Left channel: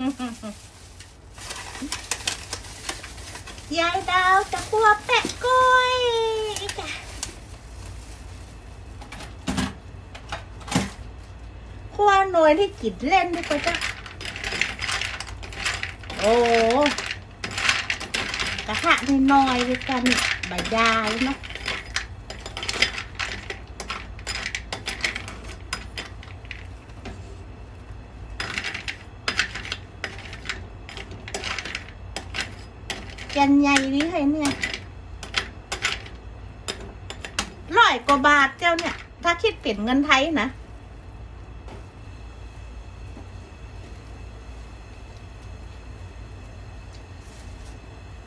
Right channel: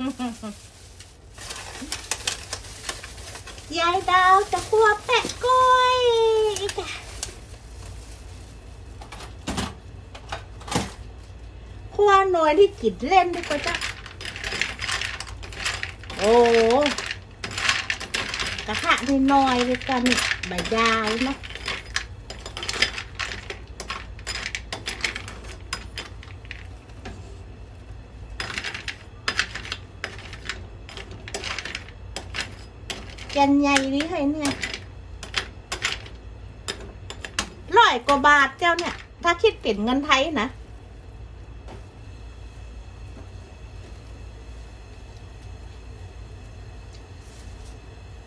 ยายดาวจะคั่วแปะกล้วยกอะคั่วหน่อยที่กินเล่นดีกว่าจ้ะโอ้กระทะนี่น้อยเลยกันใบยาวเนาะ นใหญ่นี่ให้เนี่ยร้อยกว่าบาทเจ้าเนี่ย ถ้าคิดเป็นเงินไทยนะ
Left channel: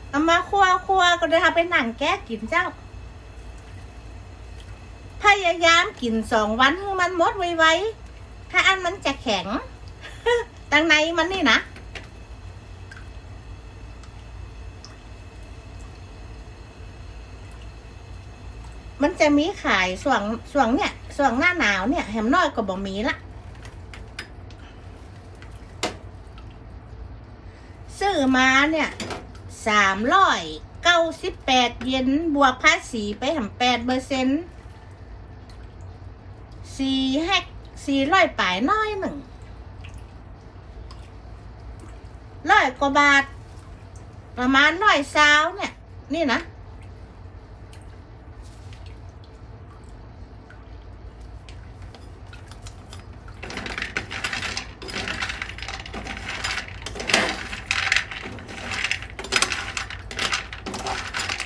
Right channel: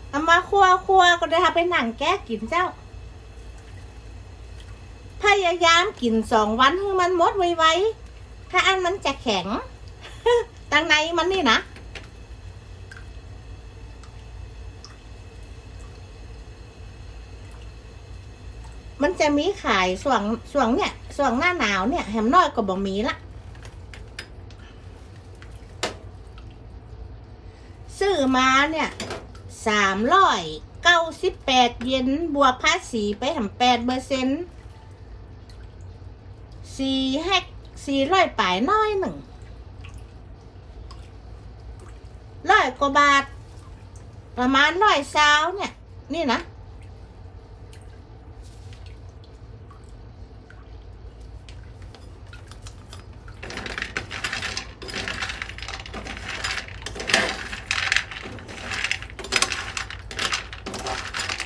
เอามาคั่วคั่วก็ได้ทำเป็นหนังแก้กินเจ้า พยายามกินสองวันให้มันหมดไวๆถ้าอันมันจะแข็งตังในมันนี่นะ มันจะมีขายส่วงส่วงเนี่ยส่วงหน้าหนาวเนี่ยแหมน้อยก็บ่มีละซื้อมาเนี่ยสามร้อยเก้าสิบแปดเยนบวกภาษีไปทำแปดเปอร์เซ็นต์สี่แฮกสี่ร้อยป่ายน้อยหนึ่งร้อยกว่าบาท ประมาณร้อยซาวเนี่ย นี่นะ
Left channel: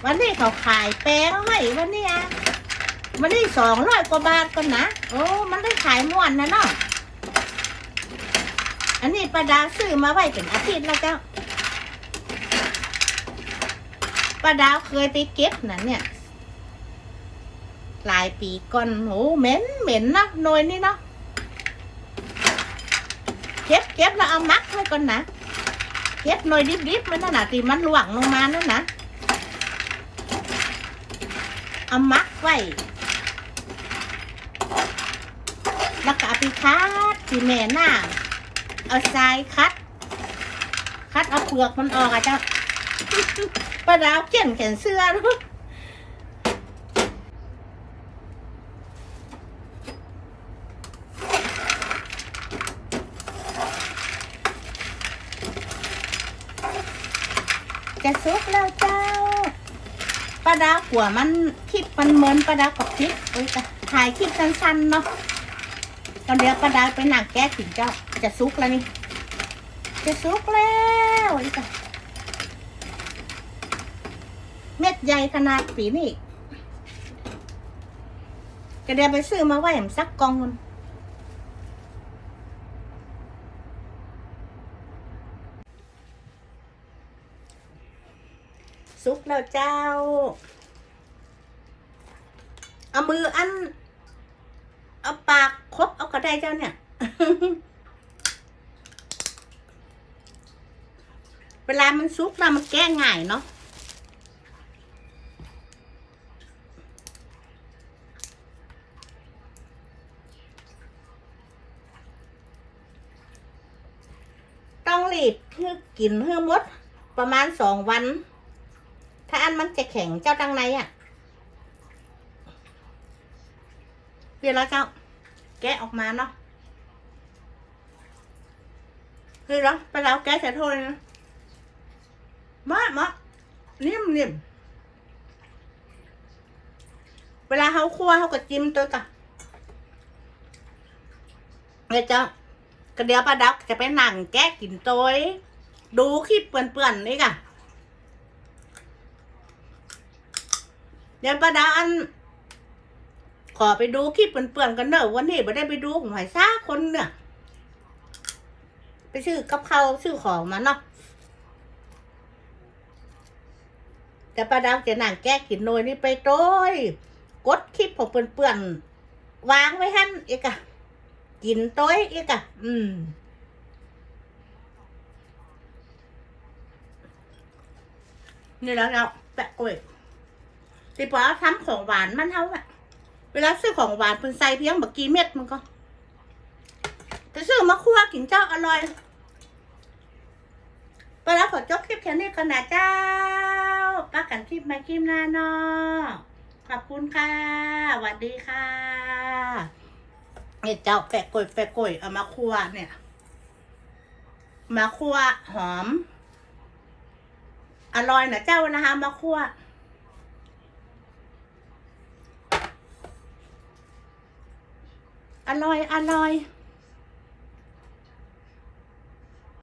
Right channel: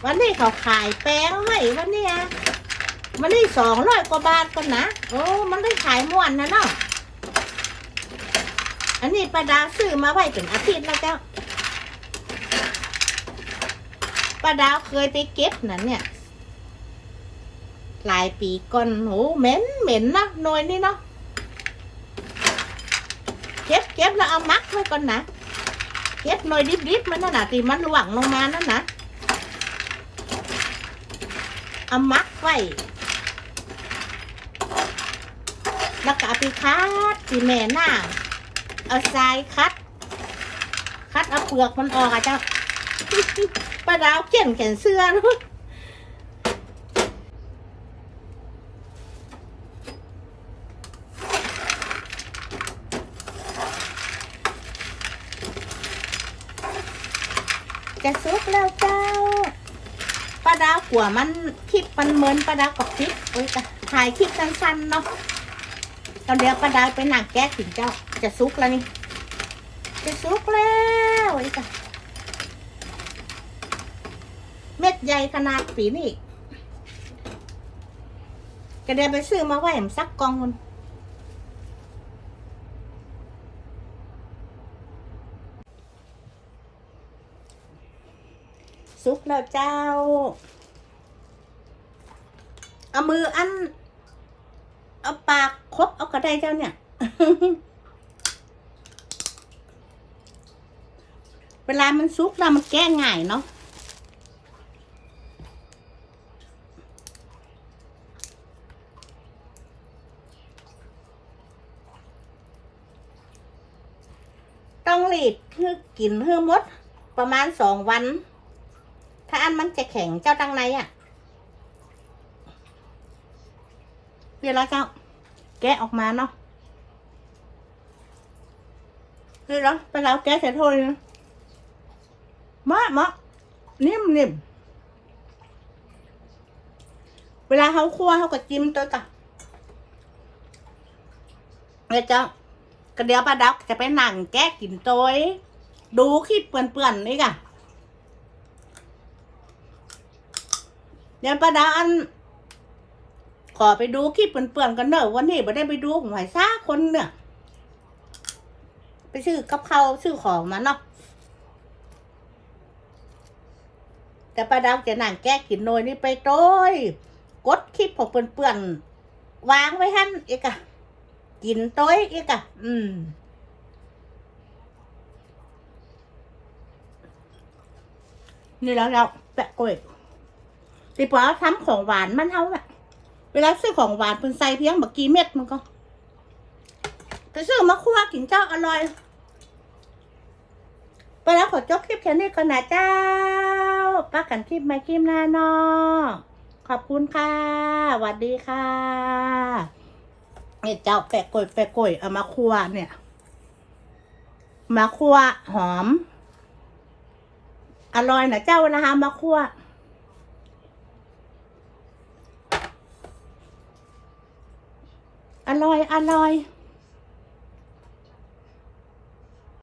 วันนี้เขาขายแป้งไว้วันนี้อะวันนี้สองร้อยกว่าบาทก่อนนะโอ้มันได้ขายม่วนนะเนาะอันนี้ประดาซื้อมาไว้เป็นอาทิตย์แล้วเจ้าประดาวเคยไปเก็บนั่นเนี่ย หลายปีก่อนโหเหม็นเหม็นนะหน่วยนี่เนาะเก็บเก็บแล้วเอามักไว้ก่อนนะเก็บหน่อยดิบๆมันนั่นน่ะที่มันหลวงลงมานั่นนะ เอามักไว้ แล้วก็เอาไปคัดที่แม่หน้า เอาทรายคัด คัดเอาเปลือกมันออกอะเจ้าป้าดาวเขียนแขนเสื้อลูกจะซุกแล้วเจ้า ดาวขัวมันคลิปมันเหมือนป้าดาวกับคลิปโอ้ยจ้ะถ่ายคลิปสั้นๆเนาะตอนเดียวป้าดาวไปหนักแก้ถึงเจ้าจะซุกแล้วนี่ จะซุกแล้วไอ้จ้ะเม็ดใหญ่ขนาดปีนี่ก็เดี๋ยวไปซื้อมาไว้ผมสักกองนึง ซุกแล้วเจ้า เอามืออัน เอาปากคบเอาก็ได้เจ้าเนี่ย เวลามันซุกแล้วมันแก้ง่ายเนาะต้องรีดเพื่อกินเพื่อมดประมาณสองวัน ถ้าอันมันจะแข็งเจ้าตังในอะ่ะเดี๋ยวเราเจ้าแกะออกมาเนาะเฮ้ยเรอไปแล้วแกะเสร็จโทษนะมามานิ่มนิ่มเวลาเขาคั่วเขาก็จิ้มตัวต่ะเฮ้ยเจ้าก็เดียวป้าดักจะไปหนังแก้กินโตัวดูคลิปเปื่อนๆนี่ก่ะเดี๋ ยวป้าดักอัน ขอไปดูคลิปเปื่อนๆกันเนอะวันนี้ไม่ได้ไปดูของหายซ่าคนเนี่ยไปซื้อกับเขาวซื้อของมาเนาะแต่ป้าดาวจะนั่งแก้กินโนยนี่ไปโต้ยกดคลิปของเปื่อนๆวางไว้หั่นอีกอะกินโต้ยอีกอะอืมนี่แล้วเราแปะกล้วย ตีปอทำของหวานมันเท่าน่ะเวลาซื้อของหวานเป็นใส่เพียงบักกี่เม็ดมันก็ไปซื้อมาคั่วกินเจ้าอร่อยก็แล้วขอจบคลิปแค่นี้กันนะเจ้าป้ากันคลิปมาคลิปหน้าเนอขอบคุณค่ะสวัสดีค่ะเนี่ยเจ้าแปะกล้วยแปะกล้วยเอามาคั่วเนี่ย มาคั่วหอม อร่อยนะเจ้านะคะมาคั่ว อร่อย อร่อย